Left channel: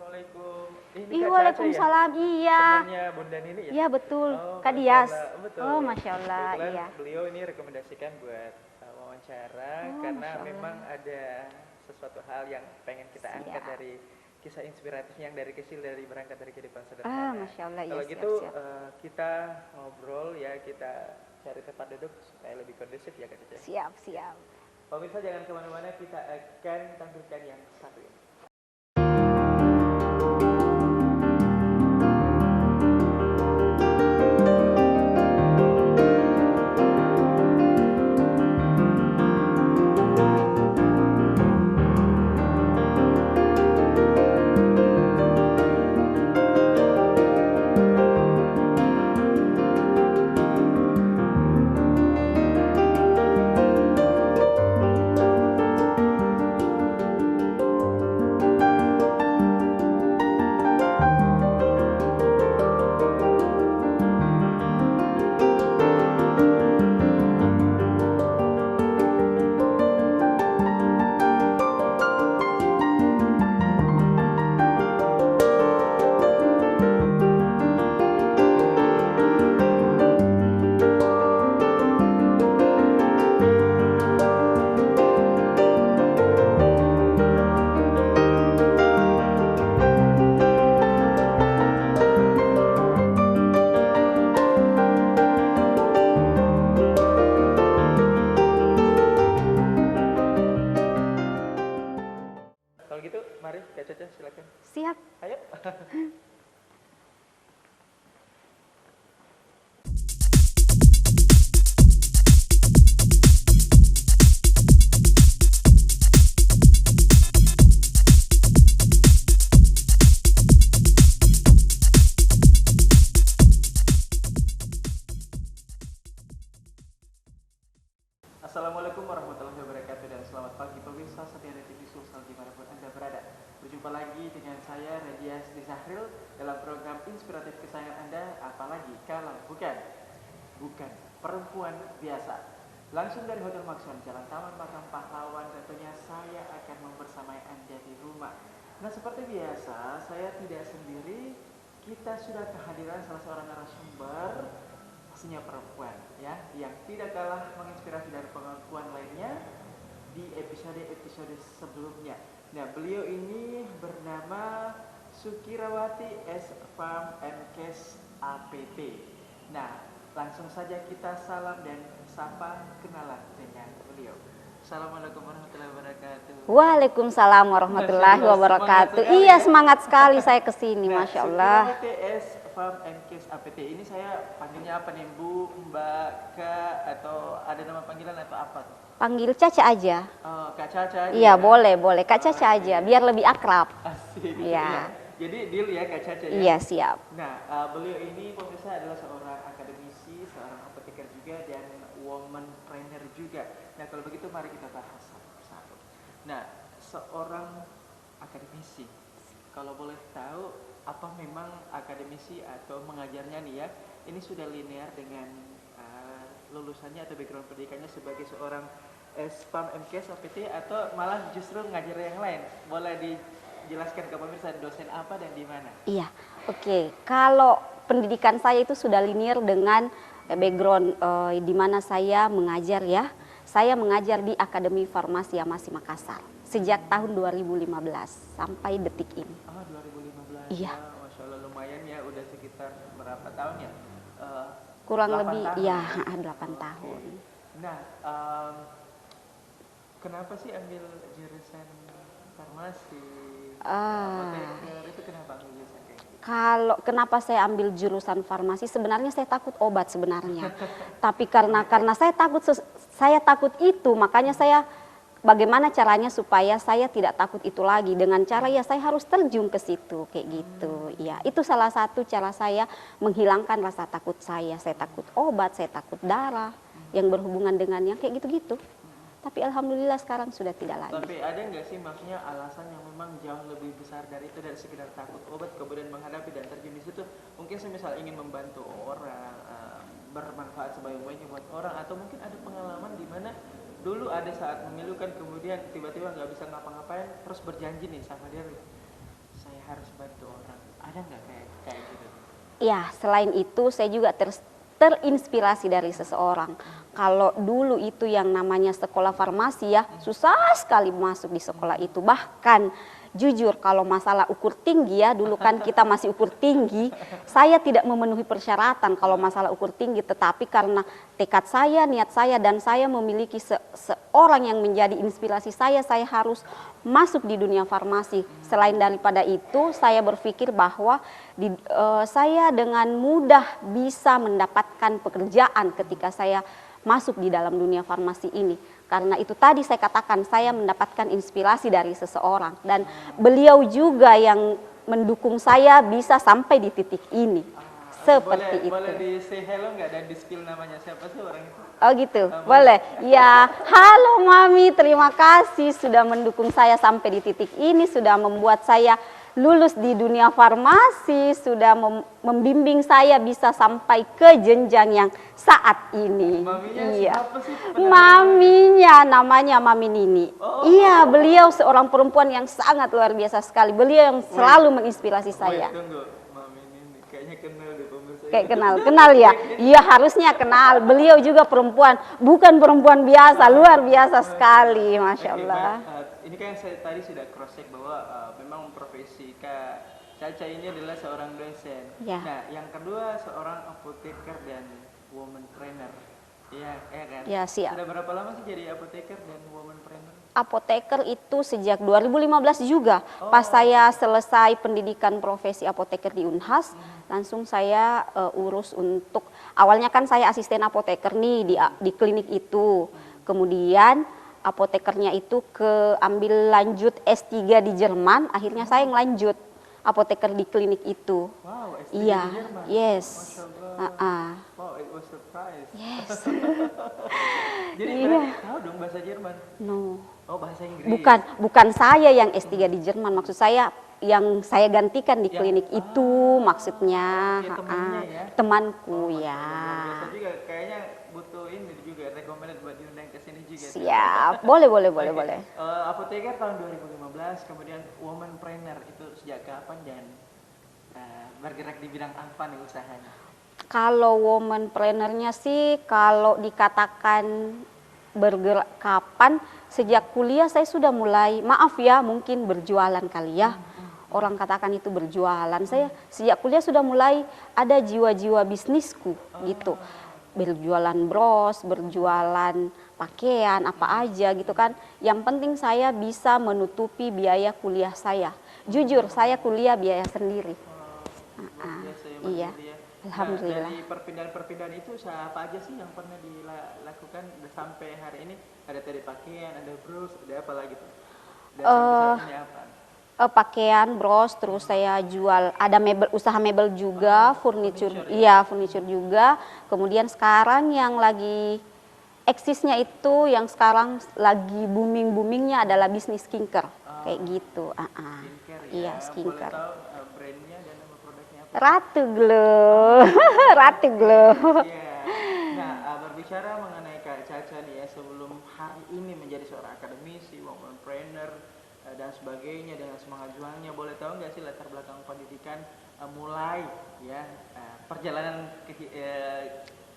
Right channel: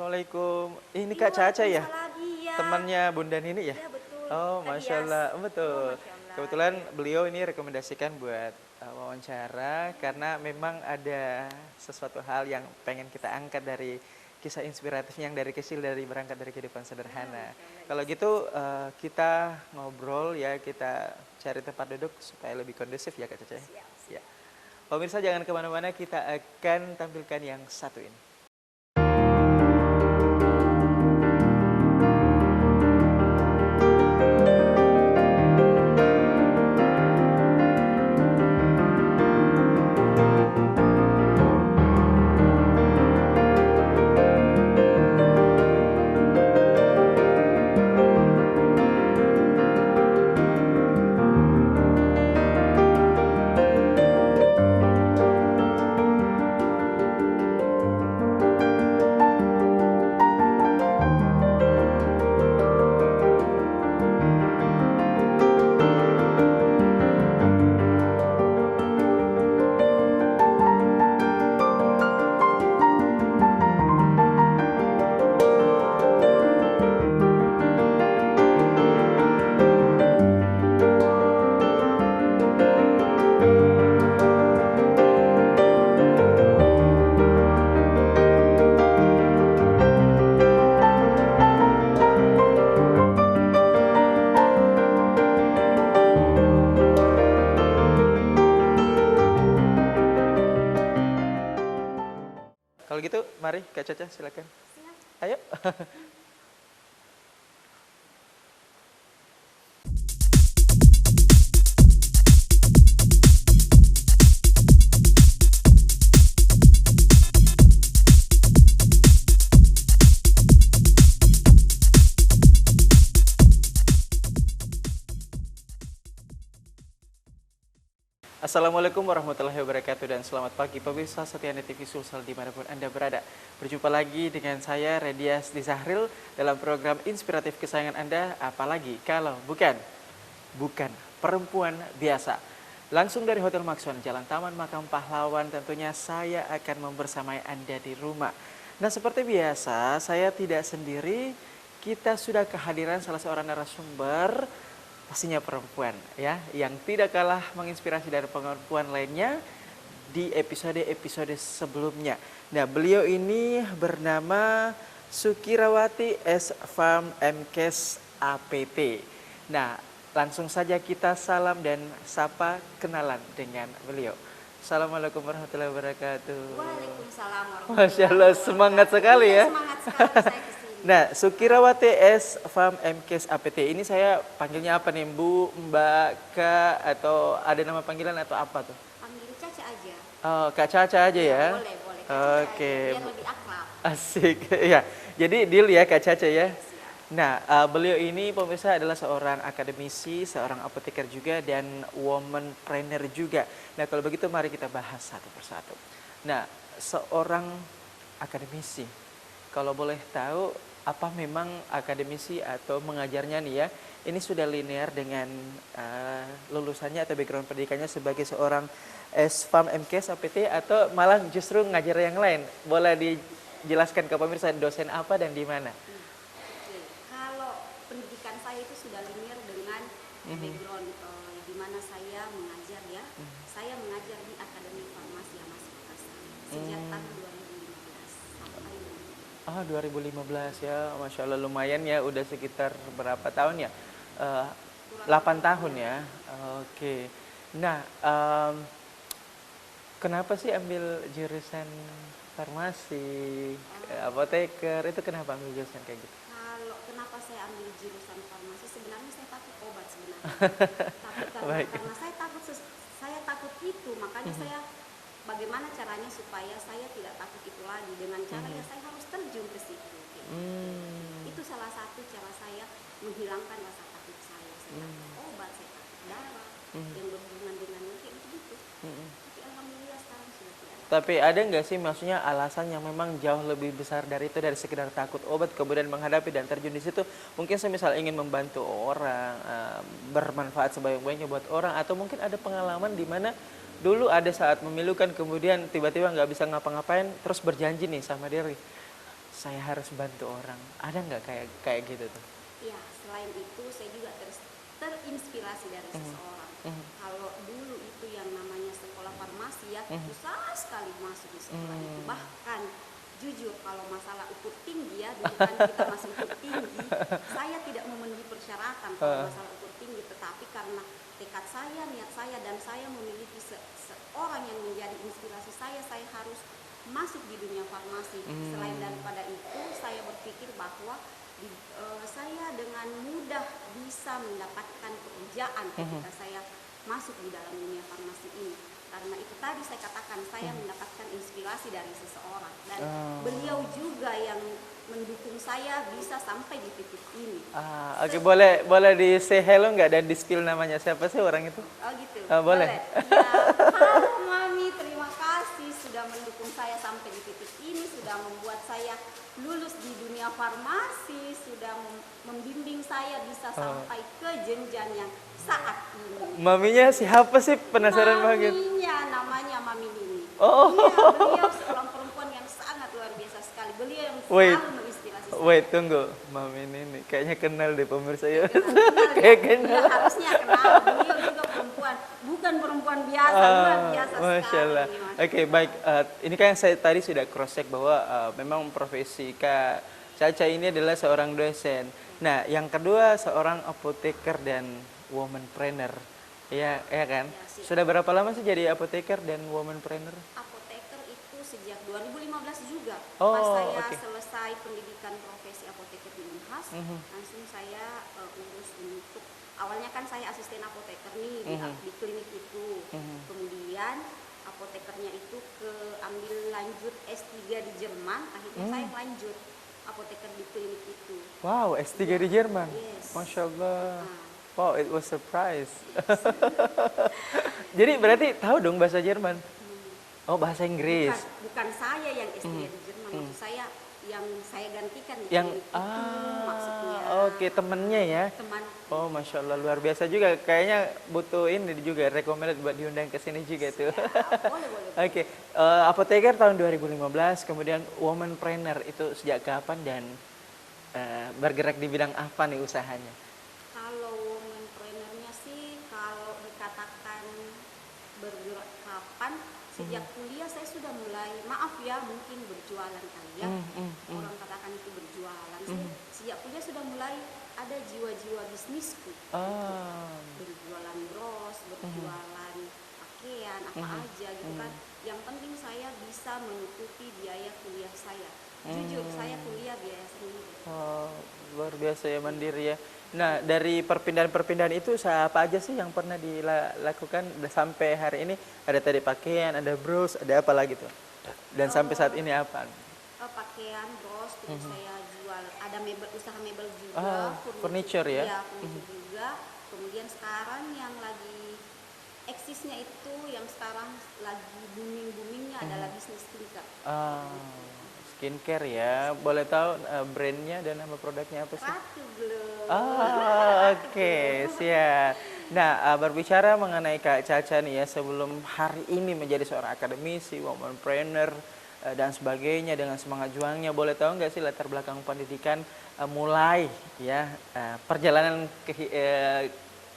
Assalamualaikum. Ini Iya, Kak Caca ya? waalaikumsalam. Iya. Temannya Bunda Nini ya? Iya betul. Oh, Kak Masya Dias. Allah. Betul. Oh, Masya Allah. Kebetulan Iya. beliau ini rekomendasikan buat wawancara Oh, karena Masya Allah. memang ada sesuatu hal yang pengen kita angkat dari kisah inspiratif yang dari kecil, dari berangkat dari kehidupan sederhana. Masya Allah. Kalau Iya, gitu siap, siap. kita ngobrol ya, kita cari tempat duduk supaya lebih kondusif ya Kak Caca. Siap, siap. Pemirsa jangan kemana-mana, kita akan tampilkan yang satu ini. Kalau gitu, mari Kak Caca silakan. Siap. Ayo. Assalamualaikum warahmatullahi wabarakatuh dan selamat pagi pemirsa setia TV Sulsel dimanapun Anda berada. Berjumpa lagi dengan saya Redias Dizahril dalam program inspiratif kesayangan Anda, apalagi kalau bukan perempuan biasa. Langsung dari Hotel Maxon, Jalan Taman Makam Pahlawan, tentunya saya akan membersamai Anda di rumah. Nah seperti biasa, saya tidak sendiri, kita sudah kehadiran salah seorang narasumber, pastinya perempuan ya, yang tidak kalah menginspirasi dari perempuan lainnya di episode-episode sebelumnya. Nah, beliau ini bernama Sukirawati S. Farm MKes APT. Nah, langsung saja kita salam dan sapa kenalan dengan beliau. Assalamualaikum warahmatullahi wabarakatuh. Waalaikumsalam warahmatullahi Masya Allah, wabarakatuh. semangat sekali Iya, ya. semangat sekali saya kesini. Nah, Masya Allah. Sukirawati S. Farm MKes APT ini saya panggilnya apa nih, Bu, Mbak, Kak, atau ada nama panggilan atau apa tuh? Panggil Caca aja. Oh, Kak Caca aja Iya, ya? boleh. Kak Caca Oke. aja, biar lebih akrab. Asik, Iya. ya. Jadi deal ya Kak Caca ya? Iya, siap. Nah, beliau ini pemirsa adalah seorang akademisi, seorang apoteker juga, dan womanpreneur juga. Nah, kalau begitu mari kita bahas satu persatu. Nah, seorang akademisi, kalau boleh tahu apa memang akademisi atau mengajarnya nih ya, ini sudah linear dengan lulusannya atau background pendidikannya sebagai seorang S-Farm MKes APT atau malah justru ngajar yang lain? Boleh dijelaskan ke pemirsa dosen apa dan di mana? Iya, oke. Kalau pendidikan saya itu sudah linear dengan background di mana saya mengajar ya. Saya mengajar di Akademi Farmasi Amasi Makassar sejak tahun 2015 sampai detik ini. Ah, 2015 Iya. ya, Masya Allah lumayan ya, udah sekitar berapa tahun ya? Kurang 8 lebih, tahun ya, ya? 8 tahun. Oke. Nah, kenapa sih ambil jurusan farmasi, apoteker, itu kenapa ambil jurusan kayak gitu? Kalau kenapa saya ambil jurusan farmasi, sebenarnya saya takut obat sebenarnya. Tapi karena saya takut itu, makanya saya bagaimana caranya supaya saya tidak takut itu lagi, dengan cara ya saya harus terjun ke situ kayak gitu. Ya, itu salah satu cara saya menghilangkan rasa takut saya. Saya takut obat, saya takut darah yang berhubungan dengan yang kayak gitu-gitu. Tapi alhamdulillah sekarang sudah tidak lagi. Tapi ada nggak sih maksudnya alasan yang memang jauh lebih besar dari itu, dari sekedar takut obat kemudian menghadapi dan terjun di situ? Mungkin semisal ingin membantu orang, bermanfaat sebanyak-banyaknya buat orang, atau mungkin ada pengalaman di mana dulu ada saat memilukan kemudian tiba-tiba nggak bisa ngapa-ngapain terus berjanji nih sama diri, saya harus bantu orang. Ada nggak kayak kayak gitu tuh? Ya, selain itu saya juga terinspirasi dari seseorang. Kalau dulu itu yang namanya sekolah farmasi ya, susah sekali masuk di sekolah itu. Bahkan jujur kalau masalah ukur tinggi ya, dulu kan kita masih ukur tinggi, saya tidak memenuhi persyaratan kalau masalah ukur tinggi. Tetapi karena tekad saya, niat saya, dan saya memiliki seorang yang menjadi inspirasi saya harus masuk di dunia farmasi. Selain daripada itu, saya berpikir bahwa saya dengan mudah bisa mendapatkan pekerjaan ketika saya masuk di dalam dunia farmasi ini. Karena itu tadi saya katakan, saya mendapatkan inspirasi dari seseorang. Dan beliau juga yang mendukung saya bisa sampai di titik ini. Oke, boleh di say hello nggak dan di spill namanya siapa sih orang itu? Oh gitu, Boleh. boleh. Ya, halo Mami, terima kasih sudah mendukung saya sampai di titik ini, sudah membuat saya lulus di dunia farmasi, sudah membimbing saya bisa sampai ke jenjang yang saat ini. Maminya Iya. siapa sih, penasaran banget. Maminya namanya Mami Nini. Oh. Iya, beliau seorang perempuan yang sangat luar biasa sekali. Beliau yang selalu menginspirasi Wait, saya. tunggu. Mami ini kayaknya kenal deh pemirsa ya. Kayak kenal ya. Kayak Iya, harusnya kenal. Beliau juga perempuan, bukan perempuan biasa, luar biasa Masya sekali, Allah. Masya Oke, Allah. baik. Ini kan saya tadi sudah cross check bahwa memang profesi Kak Caca ini adalah seorang dosen. Ya. Nah, yang kedua seorang apoteker dan womanpreneur. Iya, ya kan? Ya, siap. Sudah berapa lama sih jadi apoteker dan womanpreneur? Apoteker itu sejak 2015 juga. Oh, Pas saya oke. selesai pendidikan profesi apoteker di Unhas, langsung saya urus untuk, awalnya kan saya asisten apoteker nih di klinik itu. Kemudian apotekernya itu ambil lanjut S3 di Jerman, akhirnya saya ngelanjut apoteker di klinik itu. Wow, S3 Iya, di Jerman. yes. Masya Allah. Ah. Wow, it was surprise. Jadi berarti tahu dong bahasa Jerman? No. Oh, bahasa Inggris. Bukan saya yang S3 di Jerman, maksud saya yang saya gantikan di klinik itu maksudnya. Oke, temannya ya. Temanku Oh, ya. Masya Allah, luar biasa juga. Kayaknya butuh ini juga, recommended buat diundang ke sini juga tuh. Siap, boleh. Oke, apoteker tahun 2015, kemudian womanpreneur itu sejak kapan dan bergerak di bidang apa nih usahanya? Kalau womanpreneurnya sih, kalau dikatakan bergerak kapan, sejak kuliah saya sudah mulai, maaf ya, mungkin berjualan kali ya. Orang katakan itu berjualan. Saya sejak kuliah sudah mulai ada jiwa-jiwa bisnisku gitu. Berjualan bros, berjualan pakaian, apa aja gitu kan. Yang penting saya bisa menutupi biaya kuliah saya. Jujur, saya kuliah biaya sendiri. Oh, luar biasa ya, mandiri ya. Nah, Alhamdulillah. dari perpindahan-perpindahan itu apa aja sih yang pernah dilakukan sampai hari ini? Ada tadi pakaian, ada bros, ada apa lagi tuh? Dan sampai saat ini apa? Pakaian, bros, terus saya jual, ada mebel, usaha mebel juga, furniture ya? Iya, furniture juga. Kemudian sekarang yang lagi eksisnya itu, yang sekarang lagi boomingnya adalah bisnis skincare, kayak gitu. Skincare ya, Iya, skincare. boleh tahu brandnya dan nama produknya apa sih? Ratu Glow, Ratu Oke, Glow. siap. Nah, berbicara mengenai Kak Caca nih ya, sebelum hari ini menjadi seorang akademisi, womanpreneur, dan sebagainya dengan semangat juangnya, boleh tahu nggak sih latar belakang pendidikan mulai ya perjalanan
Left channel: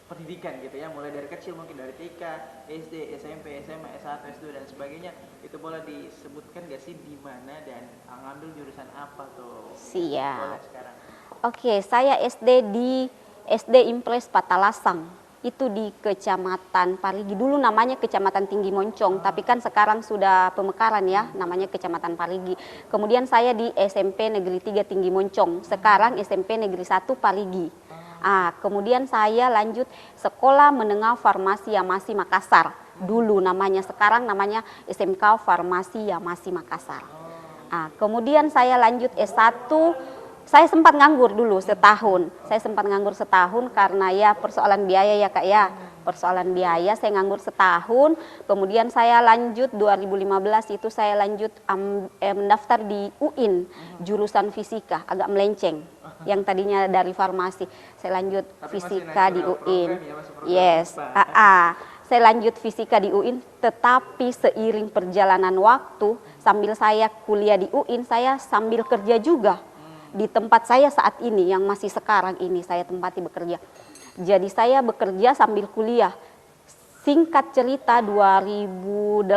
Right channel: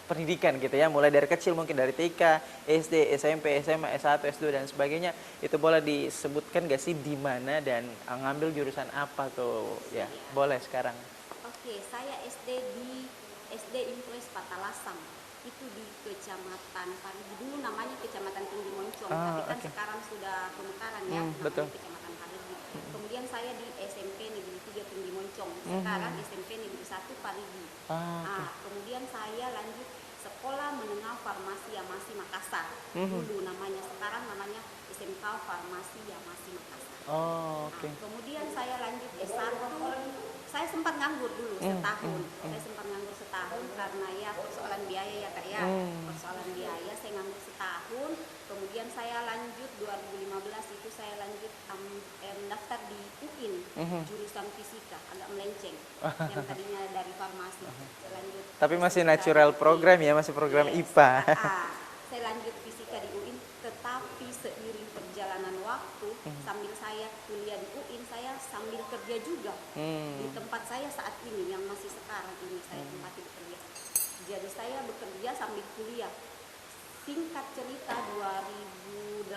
pendidikan gitu ya, mulai dari kecil mungkin dari TK, SD, SMP, SMA, S1, S2 dan sebagainya, itu boleh disebutkan gak sih di mana dan ngambil jurusan apa tuh? Ya, Siap. boleh sekarang. Oke, saya SD di SD Impres Patalasang. Itu di Kecamatan Parigi. Dulu namanya Kecamatan Tinggi Moncong, tapi kan sekarang sudah pemekaran ya, namanya Kecamatan Parigi. Kemudian saya di SMP Negeri 3 Tinggi Moncong, sekarang SMP Negeri 1 Parigi. Kemudian saya lanjut Sekolah Menengah Farmasi Yamasi Makassar. Dulu namanya, sekarang namanya SMK Farmasi Yamasi Makassar. Kemudian saya lanjut S1. Saya sempat nganggur dulu setahun. Saya sempat nganggur setahun karena ya persoalan biaya ya Kak ya. Persoalan biaya, saya nganggur setahun. Kemudian saya lanjut 2015 itu saya lanjut mendaftar di UIN, jurusan fisika, agak melenceng. Yang tadinya dari farmasi. Saya lanjut Tapi fisika masih natural di UIN. program ya, masih program yes. IPA. saya lanjut fisika di UIN, tetapi seiring perjalanan waktu, sambil saya kuliah di UIN, saya sambil kerja juga di tempat saya saat ini, yang masih sekarang ini saya tempati bekerja. Jadi saya bekerja sambil kuliah. Singkat cerita 2008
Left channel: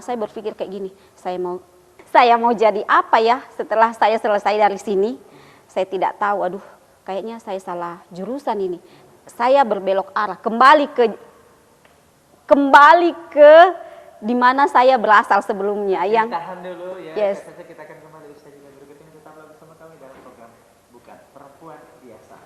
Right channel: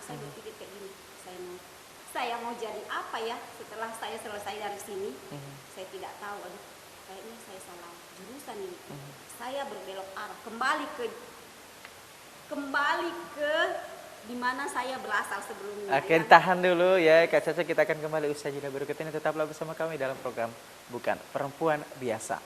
saya berpikir kayak gini, saya mau jadi apa ya setelah saya selesai dari sini. Saya tidak tahu, aduh kayaknya saya salah jurusan ini. Saya berbelok arah, kembali ke di mana saya berasal sebelumnya. Oke, tahan dulu ya, Yes. Kak Caca, kita akan kembali usai jeda berikut ini. Tetaplah bersama kami dalam program Bukan Perempuan Biasa.